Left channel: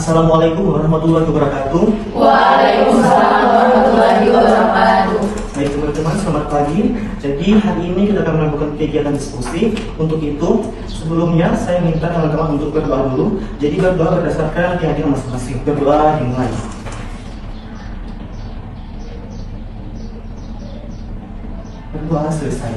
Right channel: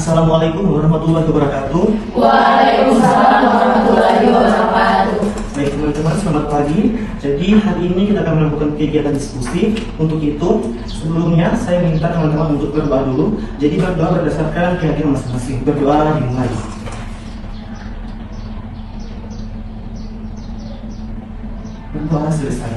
Assalamualaikum warahmatullahi wabarakatuh. Waalaikumsalam warahmatullahi wabarakatuh. Baik teman-teman, selamat pagi. Jadi hari ini kita akan melakukan kegiatan diskusi. Untuk itu, sebelumnya saya minta teman-teman untuk berdoa dulu. Jadi berdoa berdasarkan keyakinan masing-masing. Berdoa dimulai. Berdoa selesai.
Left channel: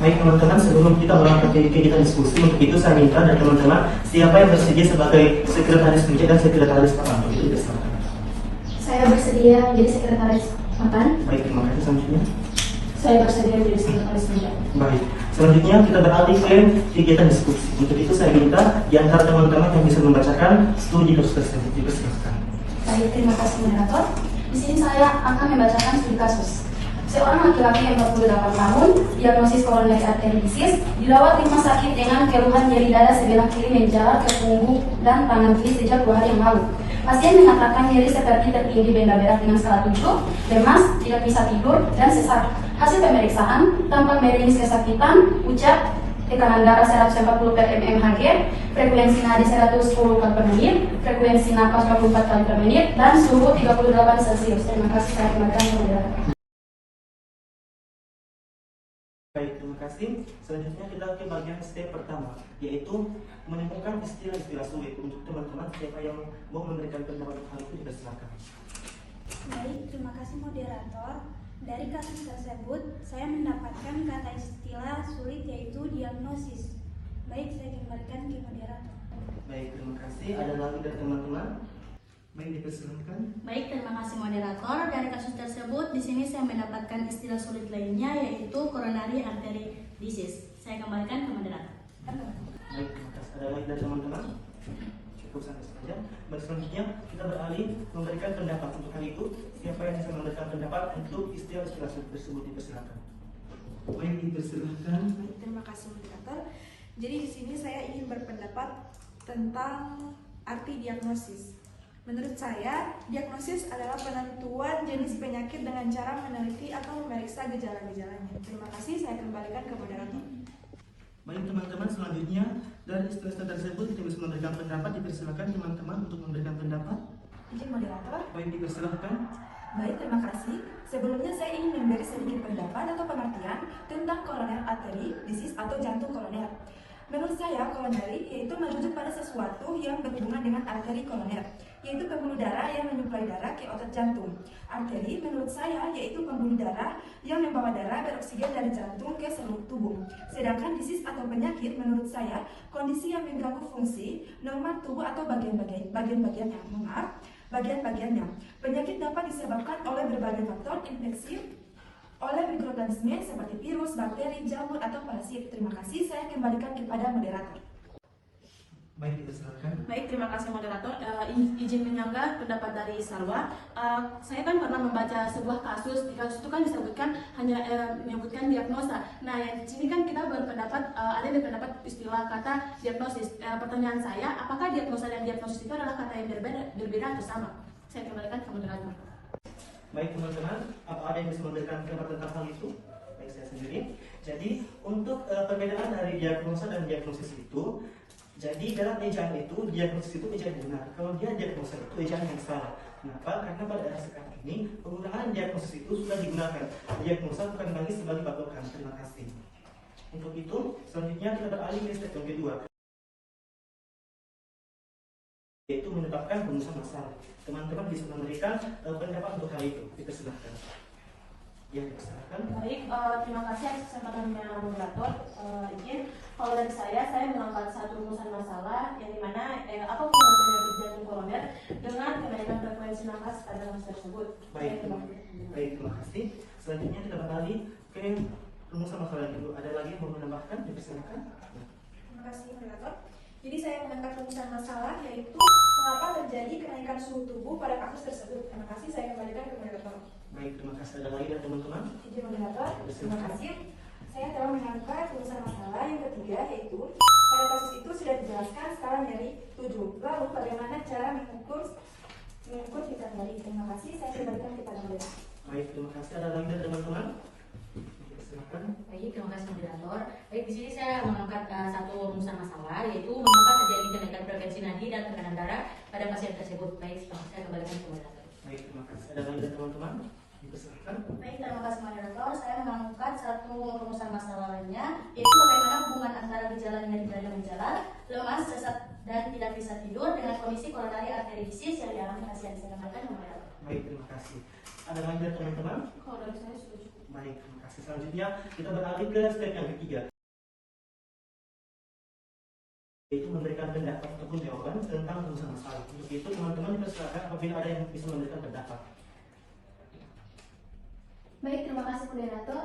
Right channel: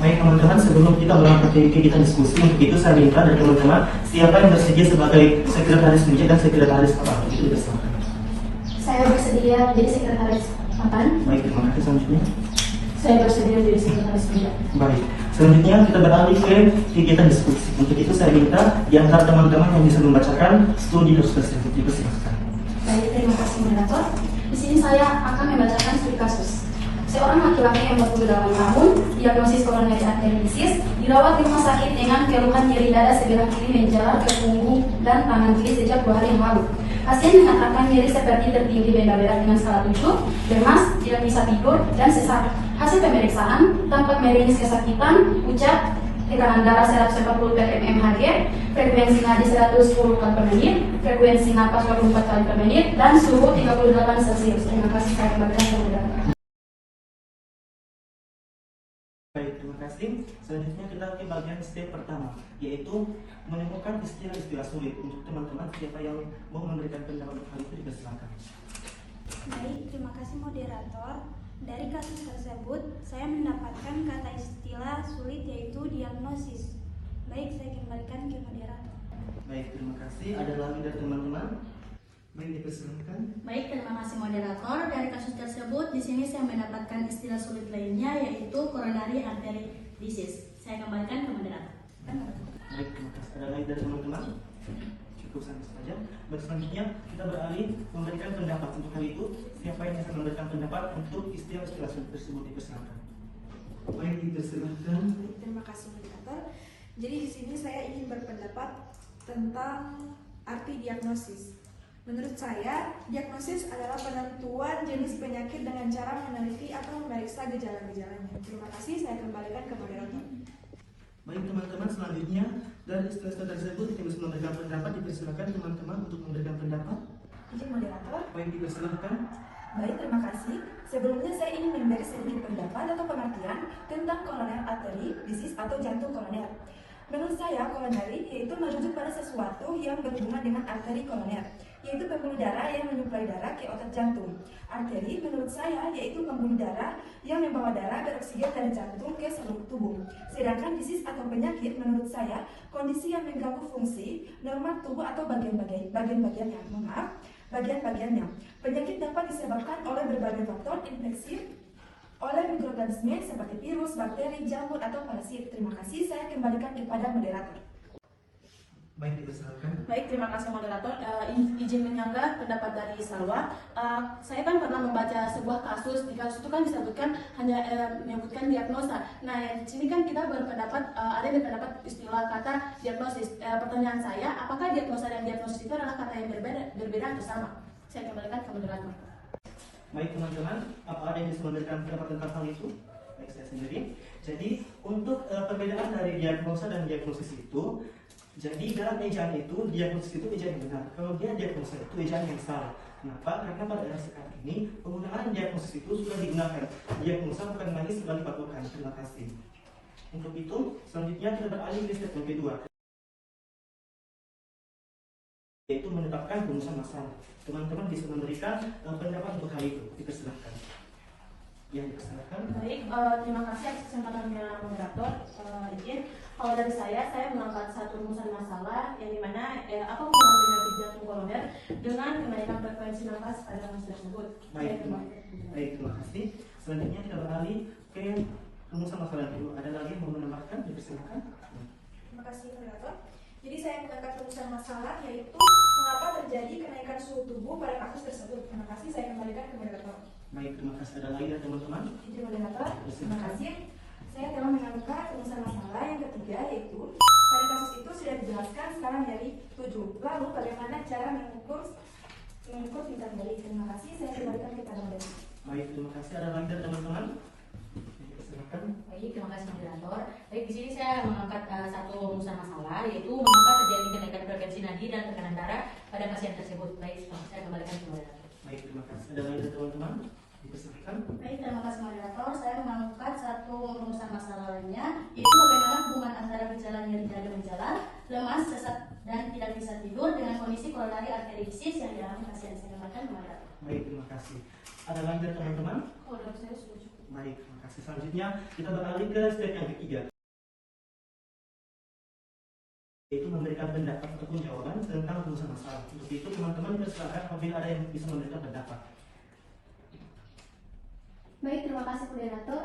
Baik teman-teman, sebelum kita melakukan kegiatan diskusi, untuk itu saya minta dari teman-teman siapa yang bersedia sebagai sekretaris meja dan sekretaris apa itu diserahkan. Saya bersedia menjadi sekretaris makan. Baik, terima kasih. Selanjutnya, Saya bersedia menjadi sekretaris kerja. baik. Selanjutnya kita beralih ke kegiatan diskusi. Untuk itu saya minta di antara teman-teman yang bisa membacakan studi kasus tersebut dipersilakan. Baik, terima kasih moderator. Di sini saya akan membacakan studi kasus. Seorang laki-laki yang ber-28 tahun, diagnosis coronary artery disease, dirawat di rumah sakit dengan keluhan nyeri dada sebelah kiri menjalar ke punggung dan tangan kiri sejak 2 hari yang lalu. Pasien mengatakan nyeri seperti tertinggi benda berat dengan skala 7, lemas, tidak bisa tidur, dan sesak. Hasil pemeriksaan, tampak merinis kesakitan, pucat, tekanan darah 140 per mmHg, frekuensi nadi 110 kali per menit, frekuensi napas 24 kali per menit, dan suhu 38 Celcius. Terima kasih, saya kembalikan ke moderator. Baik, terima kasih. Selanjutnya kita ke bagian step pertama, yaitu menemukan istilah-istilah sulit. Untuk teman-teman siapa yang mau memberikan pendapat untuk hal itu dipersilakan. Baik, terima kasih moderator. Dari kasus tersebut, saya mendapatkan kata istilah sulit yaitu diagnosis. Baik, saya kembalikan ke moderator. Baik, terima kasih. Ada lagi dari teman-teman? Baik, dipersilakan. Baik, terima kasih moderator. Dari kasus tersebut, di sini saya mendapatkan istilah sulit lainnya yaitu coronary artery disease. Saya kembalikan ke moderator. Baik, terima kasih. Ada lagi dari teman-teman? Cukup sampai saja. Baik, selanjutnya kita beralih memberikan pendapat untuk hal itu. Siapa yang bisa memberikan pendapat untuk istilah-istilah tersebut dipersilakan. Baik, dipersilakan. Terima kasih moderator. Jadi di sini saya ingin berpendapat tentang arti diagnosis. Menurut saya, diagnosis adalah penentuan jenis penyakit dengan cara meneliti atau memeriksa gejala-gejalanya. Terima kasih, saya kembalikan ke moderator. Baik teman-teman, selanjutnya dari istilah-istilah tersebut kita bisa memberikan pendapat. Dipersilakan teman-teman untuk memberikan pendapat. Izin moderator. Baik, dipersilakan. Baik, terima kasih. Sebelumnya saya ingin memberi sedikit pendapat atau pengertian tentang coronary artery disease atau jantung koroner. Menurut saya, coronary yaitu merujuk pada sesuatu yang berhubungan dengan arteri koroner, yaitu pembuluh darah yang menyuplai darah ke otot jantung. Arteri menurut saya yaitu pembuluh darah yang membawa darah beroksigen dari jantung ke seluruh tubuh. Sedangkan disease atau penyakit menurut saya kondisi yang mengganggu fungsi normal tubuh atau bagian-bagiannya. Bagian-bagiannya. Penyakit dapat disebabkan oleh berbagai faktor infeksi oleh mikroorganisme seperti virus, bakteri, jamur, atau parasit. Terima kasih, saya kembalikan kepada moderator. Baik, dipersilakan. Baik, terima kasih moderator. Izin menyanggah pendapat dari Salwa. Saya kan pernah membaca sebuah kasus. Di kasus itu kan disebutkan hanya menyebutkan diagnosa. Nah, di sini kan kita berpendapat ada yang berpendapat istilah kata diagnosis. Pertanyaan saya, apakah diagnosa dan diagnosis itu adalah kata yang berbeda atau sama? Saya kembalikan ke moderator. Baik teman-teman, apa ada yang bisa memberikan pendapat tentang hal itu? Baik, saya sendiri. Jadi untuk perbedaan dari diagnosa dan diagnosis itu, jadi dalam ejaan itu diagnosis itu ejaan yang benar. Kalau dia diagnosa itu ejaan yang salah. Kenapa? Karena pada era sekarang ini penggunaan diagnosis itu sudah digunakan. Diagnosa bukan lagi sebagai patokan. Terima kasih. Untuk itu selanjutnya kita beralih ke step yang kedua, yaitu menyebabkan rumusan masalah. Teman-teman bisa memberikan pendapat untuk hal itu. Dipersilakan. Ya, dipersilakan. Baik, terima kasih atas kesempatan pemberian moderator. Izin, kalau dari saya menangkap satu rumusan masalah yang dimana apa hubungan penyakit jantung koroner dengan kenaikan frekuensi nafas pada kasus tersebut. Baik, terima kasih. Selanjutnya kita beralih ke rumusan masalah itu. Ada lagi yang mau menambahkan? Dipersilakan. Terima kasih moderator. Jadi saya mengangkat rumusan masalah yaitu mengapa terjadi kenaikan suhu tubuh pada kasus tersebut. Terima kasih, saya kembalikan ke moderator. Baik, terima kasih. Ada lagi dari teman-teman? Izin moderator. Terima kasih. Saya telah mengangkat rumusan masalah yang ketiga yaitu pada kasus itu sudah dijelaskan skala dari 7. Lalu bagaimana cara mengukur kita kembali. Terima kasih, saya kembalikan kepada moderator. Baik, terima kasih. Ada lagi dari teman-teman? Silakan. dipersilakan. Baik, terima kasih moderator. Baik, di sini saya mengangkat satu rumusan masalah, yaitu mengapa terjadi kenaikan frekuensi nadi dan tekanan darah pada pasien tersebut. Baik, saya kembalikan ke moderator. Baik, terima kasih. Ada lagi dari teman-teman? Dipersilakan. Baik, terima kasih moderator. Saya mengangkat satu rumusan masalah lainnya, yaitu bagaimana hubungan antara gejala nyeri dada menjalar, lemas, sesak, dan tidak bisa tidur dengan kondisi koronari arteri disease yang dialami pasien. Saya kembalikan ke moderator. Baik, terima kasih. Ada lagi dari teman-teman? Kalau dari saya setuju. Baik, terima kasih. Selanjutnya kita beralih ke step yang ketiga, yaitu memberikan pendapat ataupun jawaban tentang rumusan masalah. Untuk itu teman-teman dipersilakan apabila ada yang bisa memberikan pendapat. Baik, terima kasih moderator.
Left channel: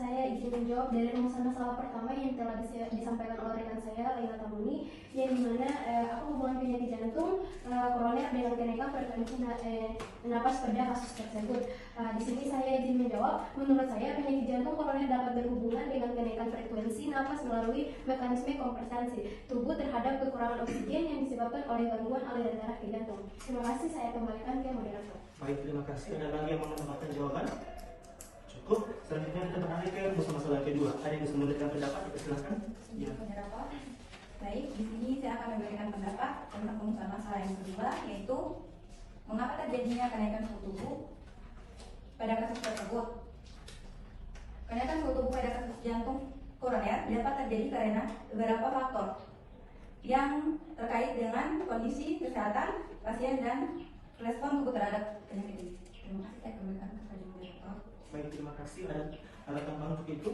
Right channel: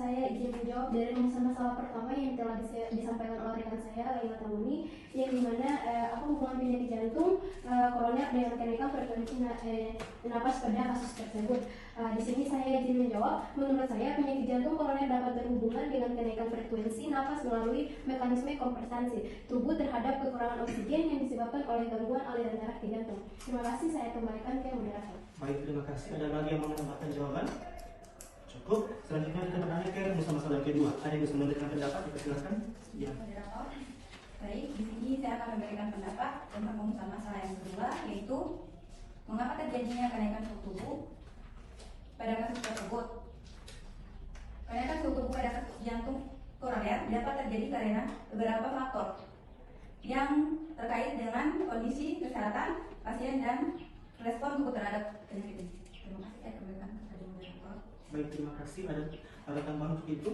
Saya izin menjawab dari rumusan masalah pertama yang telah disampaikan oleh rekan saya, Laila Tamuni, yang dimana apa hubungan penyakit jantung koroner dengan kenaikan frekuensi napas pada kasus tersebut. Di sini saya izin menjawab. Menurut saya penyakit jantung koroner dapat berhubungan dengan kenaikan frekuensi napas melalui mekanisme kompensasi tubuh terhadap kekurangan oksigen yang disebabkan oleh gangguan aliran darah ke jantung. Terima kasih, saya kembalikan ke moderator. Baik, terima kasih. Ada lagi yang mau menambahkan jawaban? Cukup. Selanjutnya kita beralih ke rumusan masalah yang kedua. Ada yang bisa memberikan pendapat? Silakan. Ya. Moderator. Baik, di sini saya akan memberikan pendapat tentang rumusan masalah yang kedua, yaitu mengapa terjadinya kenaikan suhu tubuh pada kasus tersebut. Kenaikan suhu tubuh pada kasus jantung koroner dapat terjadi karena beberapa faktor yang terkait dengan kondisi kesehatan pasien dan respon tubuh terhadap penyakit ini. Terima kasih, saya kembalikan kepada moderator. Baik, terima kasih. Ada tambahan untuk itu?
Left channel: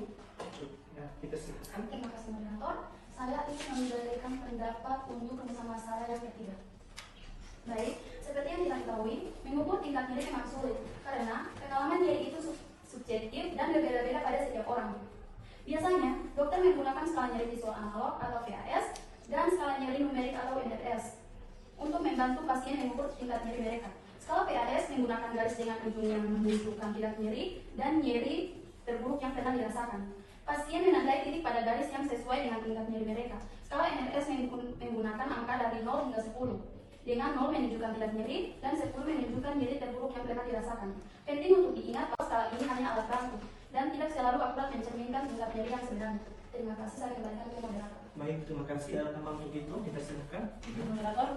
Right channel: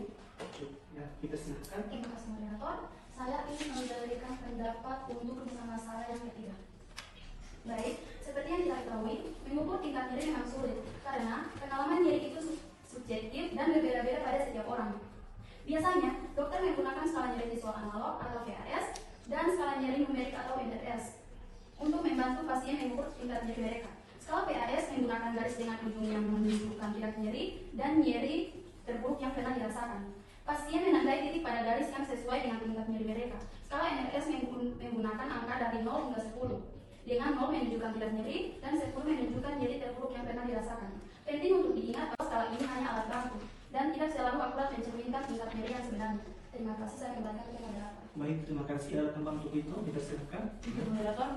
Ya, kita silakan. Terima kasih moderator. Saya ingin memberikan pendapat untuk rumusan masalah yang ketiga. Baik, seperti yang diketahui, mengukur tingkat nyeri memang sulit karena pengalaman nyeri itu subjektif dan berbeda-beda pada setiap orang. Biasanya, dokter menggunakan skala nyeri visual analog atau VAS dan skala nyeri numerik atau NRS untuk membantu pasien mengukur tingkat nyeri mereka. Skala PAS menggunakan garis dengan ujung yang menunjukkan tingkat nyeri dan nyeri terburuk yang pernah dirasakan. Pasien menandai titik pada garis yang sesuai dengan tingkat nyeri mereka. Skala NRS menggunakan angka dari 0 hingga 10, dengan 0 menunjukkan tingkat nyeri dan 10 menunjukkan nyeri terburuk yang pernah dirasakan. Penting untuk diingat bahwa skala ini hanya alat bantu dan tidak selalu akurat mencerminkan tingkat nyeri yang sebenarnya. Terima kasih, saya kembalikan ke moderator. Baik, terima kasih. Ada tambahan untuk itu? Kita silakan. Moderator,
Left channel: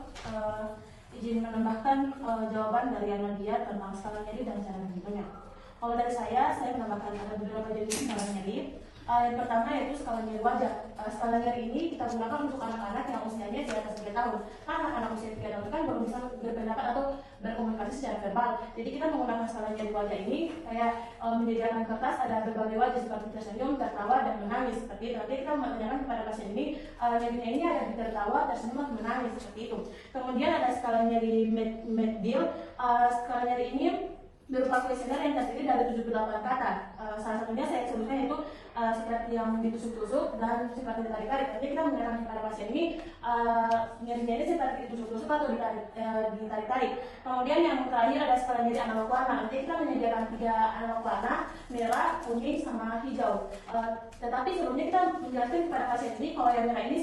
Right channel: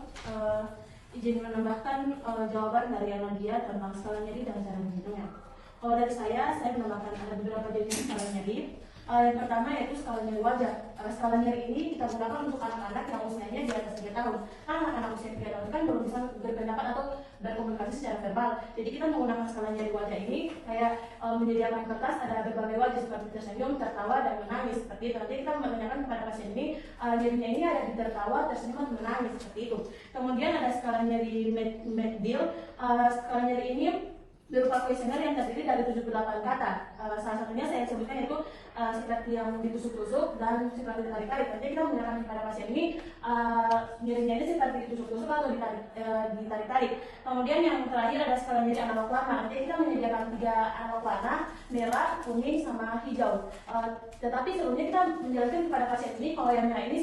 izin menambahkan jawaban dari Anadia tentang skala nyeri dan cara menghitungnya. Kalau dari saya menambahkan ada beberapa jenis skala nyeri. Yang pertama yaitu skala nyeri wajah. Skala nyeri ini kita gunakan untuk anak-anak yang usianya di atas 3 tahun. Karena anak-anak usia 3 tahun kan belum bisa berpendapat atau berkomunikasi secara verbal. Jadi kita menggunakan skala nyeri wajah ini kayak menyediakan kertas, ada berbagai wajah seperti tersenyum, tertawa, dan menangis seperti itu. Jadi kita menanyakan kepada pasien ini nyerinya ini ada di tertawa, tersenyum, dan menangis seperti itu. Kemudian ada skala nyeri McGill. Skala nyeri ini berupa kuesioner yang terdiri dari 78 kata. Salah satunya saya sebutkan yaitu seperti yang ditusuk-tusuk dan seperti ditarik-tarik. Nanti kita menanyakan kepada pasien ini nyerinya ini seperti ditusuk-tusuk atau ditarik-tarik. Kemudian yang terakhir ada skala nyeri analog warna. Nanti kita menyediakan 3 analog warna, merah, kuning, sama hijau. Tetapi sebelumnya kita menjelaskan kepada pasien ini kalau yang merah ini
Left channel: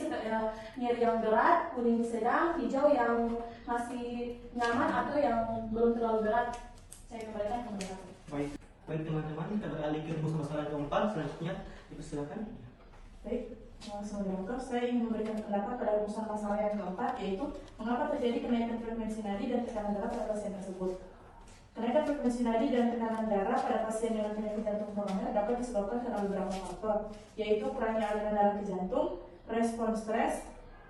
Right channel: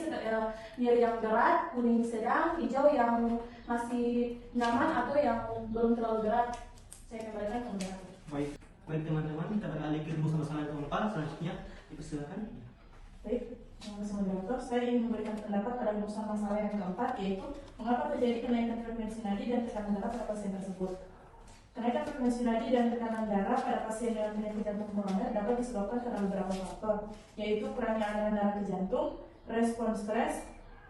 nyeri yang berat, kuning sedang, hijau yang masih nyaman atau yang belum terlalu berat. Saya kembalikan ke moderator. Baik teman-teman, kita beralih ke rumusan masalah yang keempat. Selanjutnya, dipersilakan. Baik, moderator, saya ingin memberikan pendapat pada rumusan masalah yang keempat, yaitu mengapa terjadi kenaikan frekuensi nadi dan tekanan darah pada pasien tersebut. Kenaikan frekuensi nadi dan tekanan darah pada pasien dengan penyakit jantung koroner dapat disebabkan karena beberapa faktor, yaitu kurangnya aliran darah ke jantung, respon stres,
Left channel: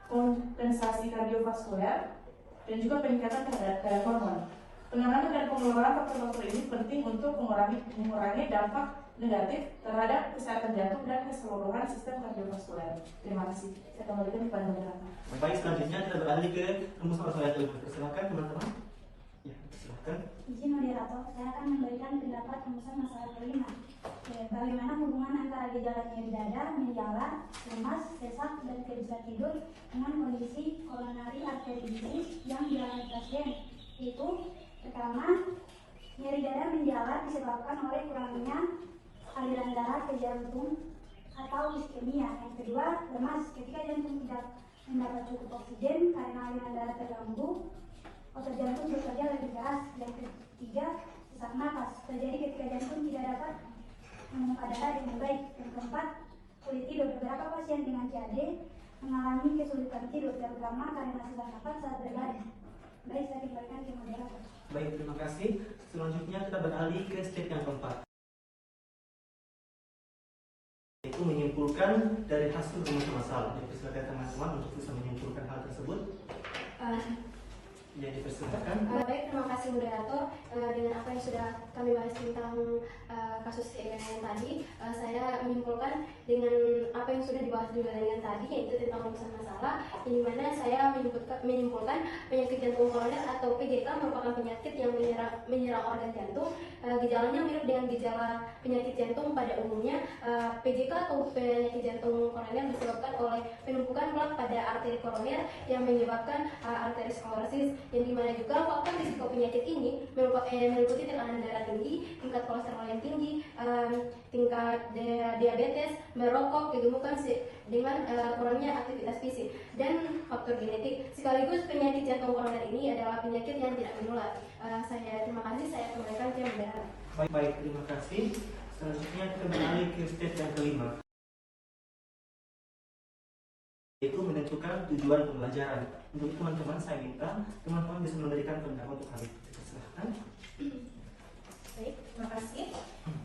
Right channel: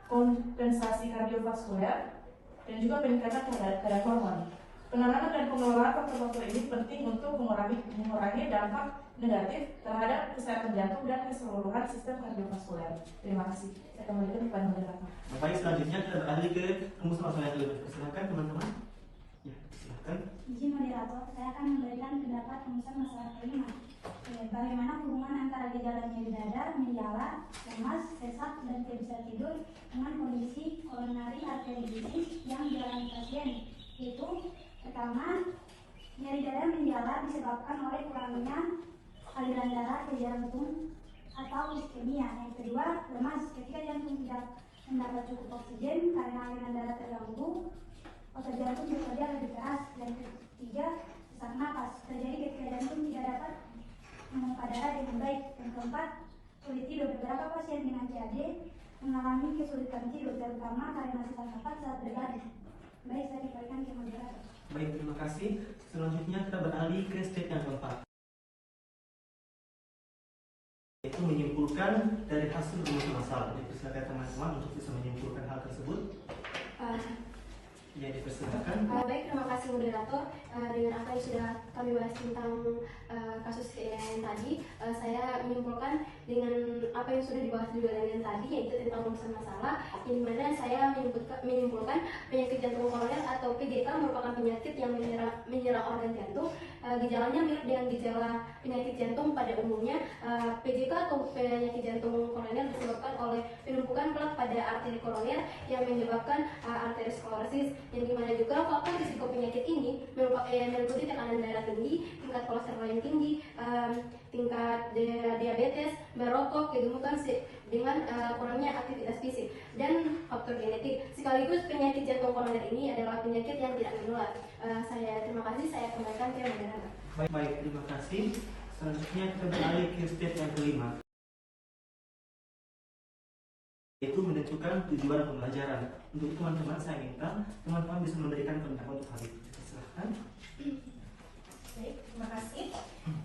kompensasi kardiovaskuler, dan juga peningkatan kadar hormon. Penanganan dan pengelolaan faktor-faktor ini penting untuk mengurangi dampak negatif terhadap kesehatan jantung dan keseluruhan sistem kardiovaskuler. Terima kasih. Saya kembalikan kepada moderator. Baik, selanjutnya kita beralih ke rumusan masalah yang kelima. Silakan teman-teman. Ya, silakan. Izin moderator, saya akan memberikan pendapat rumusan masalah kelima. Bagaimana hubungan antara gejala nyeri dada, menjalar, lemas, sesak, dan tidak bisa tidur dengan kondisi coronary artery disease yang dialami pasien, yaitu pertama, nyeri dada menjalar disebabkan oleh kurangnya aliran darah ke jantung atau iskemia. Yang kedua, lemas ketika jantung tidak mendapat cukup oksigen karena aliran darah terganggu, otot jantung bekerja lebih keras. Yang ketiga, sesak napas terjadi ketika jantung tidak dapat memompa darah dengan baik. Yang keempat, kulit tidur. Beberapa pasien dengan CAD mengalami kesulitan tidur, terutama karena susah nafas saat berbaring. Baik, saya kembalikan ke moderator. Baik, terima kasih. Selanjutnya kita beralih ke step yang keempat, yaitu menyimpulkan dari hasil rumus masalah. Dipersilakan teman-teman untuk bisa menyimpulkan hal tersebut. Ya, dipersilakan. Baik, terima kasih moderator. Dengan apa yang sudah kami bahas tentang kasus yang tadi, saya menyimpulkan dengan apa yang sudah dibahas juga dengan tadi, yaitu tentang rumusan masalah, di mana saya menyimpulkan penyakit jantung koroner atau PJK merupakan penyakit yang menyerang organ jantung. Gejalanya mirip dengan gejala penyakit jantung pada umumnya. PJK atau penyakit jantung koroner disebabkan oleh penumpukan plak pada arteri koroner yang menyebabkan arteriosklerosis, yang dimana juga faktor risiko penyakit ini meliputi tekanan darah tinggi, tingkat kolesterol yang tinggi, tingkat diabetes, merokok, kegemukan dengan kurangnya aktivitas fisik, dan faktor genetik. Sekaligus penyakit jantung koroner ini adalah penyakit yang tidak menular. Saya terima kasih, saya kembalikan ke moderator. Baik, terima kasih. Selanjutnya kita beralih ke step yang kelima, yaitu menentukan tujuan pembelajaran. Untuk itu teman-teman, saya minta teman-teman bisa memberikan pendapat untuk hal itu. Silahkan. Baik, terima kasih.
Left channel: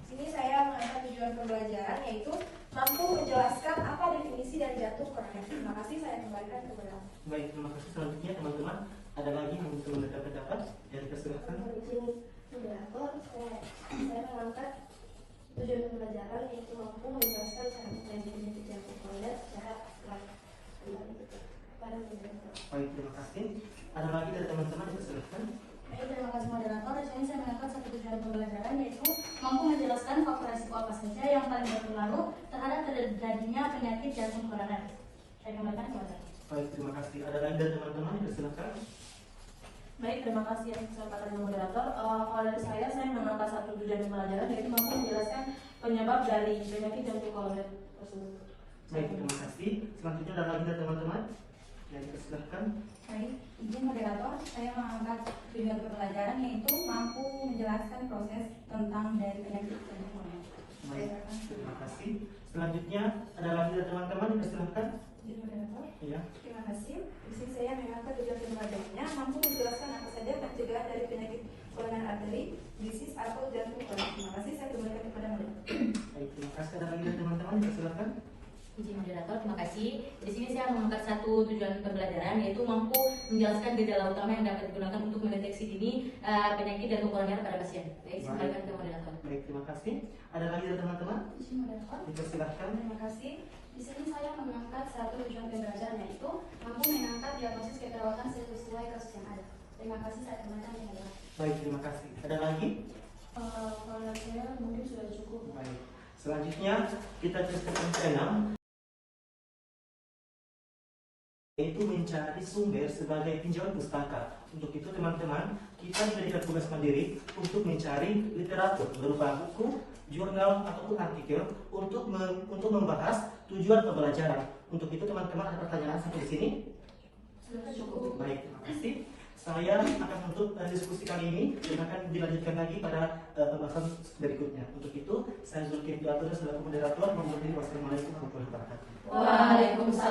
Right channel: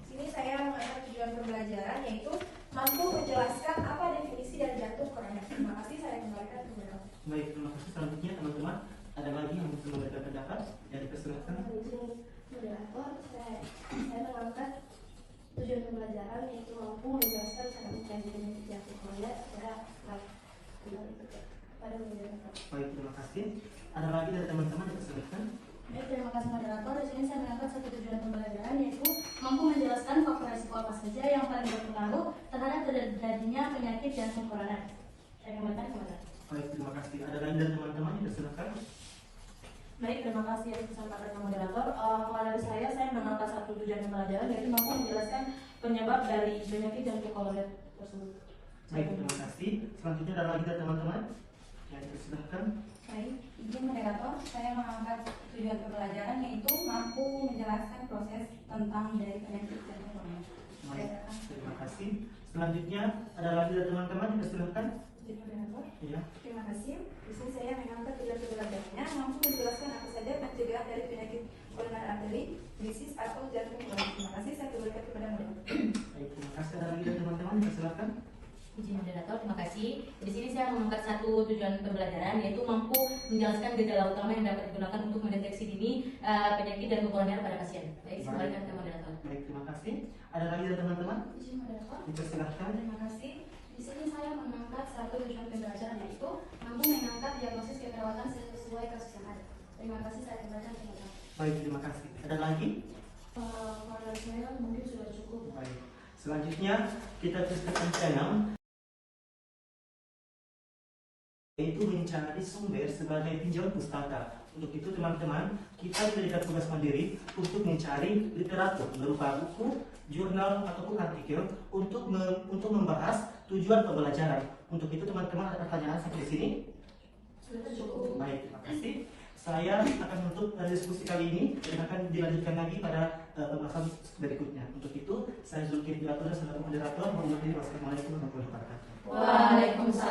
Sini saya mengangkat tujuan pembelajaran, yaitu mampu menjelaskan apa definisi dari jantung koroner. Terima kasih, saya kembalikan ke moderator. Baik, terima kasih. Selanjutnya teman-teman, ada lagi yang bisa memberikan pendapat? Jadi persilakan. Izin moderator, saya mengangkat tujuan pembelajaran, yaitu mampu menjelaskan cara penyakit jantung koroner secara baik. Pada moderator. Baik, terima kasih. Ada lagi dari teman-teman yang persilakan. Baik, terima kasih moderator. Di sini saya mengangkat satu tujuan pembelajaran, yaitu mampu menjelaskan faktor risiko apa saja yang paling berpengaruh terhadap terjadinya penyakit jantung koroner. Saya kembalikan ke moderator. Baik, terima kasih. Ada lagi dari teman-teman yang persilakan. Baik, terima kasih atas kesempatannya moderator. Kalau dari saya mengangkat satu tujuan pembelajaran, yaitu mampu menjelaskan penyebab dari penyakit jantung koroner tersebut. Baik, terima kasih. Selanjutnya ada lagi dari teman-teman yang dipersilahkan. Baik, izin moderator, saya mengangkat tujuan pembelajaran, yaitu mampu menjelaskan proses tentang dari penyakit jantung koroner. Baik, terima kasih. Selanjutnya ada lagi dari teman-teman yang dipersilahkan. Izin moderator. Iya. Terima kasih. Di sini saya mengangkat tujuan pembelajarannya mampu menjelaskan apa saja pencegahan dari penyakit koroner arteri, disease atau jantung koroner. Terima kasih, saya kembalikan kepada moderator. Baik, terima kasih. Ada lagi dari teman-teman yang dipersilahkan. Izin moderator, terima kasih. Di sini saya mengangkat satu tujuan pembelajaran, yaitu mampu menjelaskan gejala utama yang dapat digunakan untuk mendeteksi dini penyakit jantung koroner pada pasien. Baik, kembalikan ke moderator. Baik, terima kasih. Ada lagi dari teman-teman? Izin moderator. Dipersilahkan. Terima kasih. Di sini saya mengangkat satu tujuan pembelajaran, yaitu mampu mengangkat diagnosis keperawatan sesuai kasus yang ada. Terima kasih, saya kembalikan ke moderator. Baik, terima kasih. Ada lagi? Kalau dari saya mungkin sudah cukup. Baik. Selanjutnya kita ke step yang keenam, yaitu mencari sumber sebagai tinjauan pustaka. Untuk itu teman-teman, kita diberikan tugas mandiri untuk mencari literatur berupa buku, jurnal ataupun artikel untuk membahas tujuan pembelajaran. Untuk itu teman-teman, ada pertanyaan sampai di sini? Sudah cukup. Baik, terima kasih. Saya akan menutup diskusi kali ini dan akan dilanjutkan lagi pada pembahasan berikutnya. Untuk itu, saya Zulkifli Abdullah selaku moderator mengucapkan wassalamualaikum warahmatullahi wabarakatuh. Waalaikumsalam.